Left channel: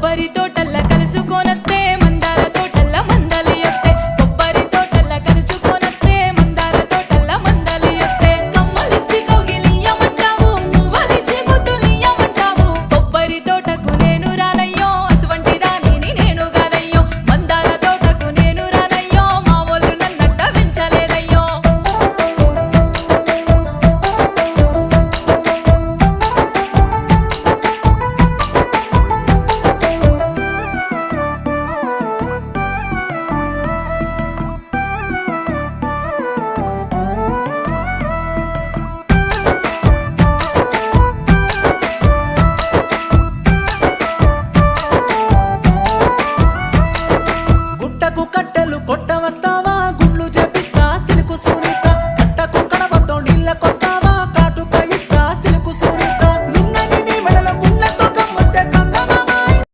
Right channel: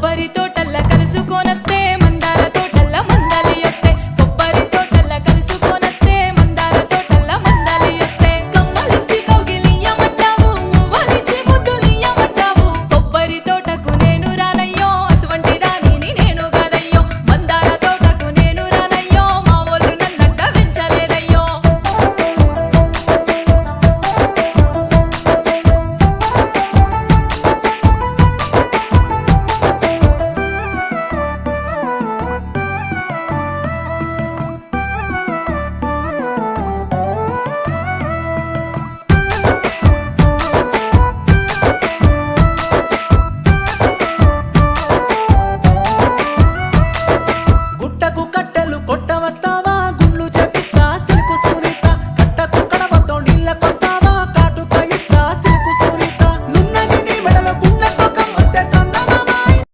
కొబ్బరి తోటల్లా కలుసుకోన కొట్టవస్తావా?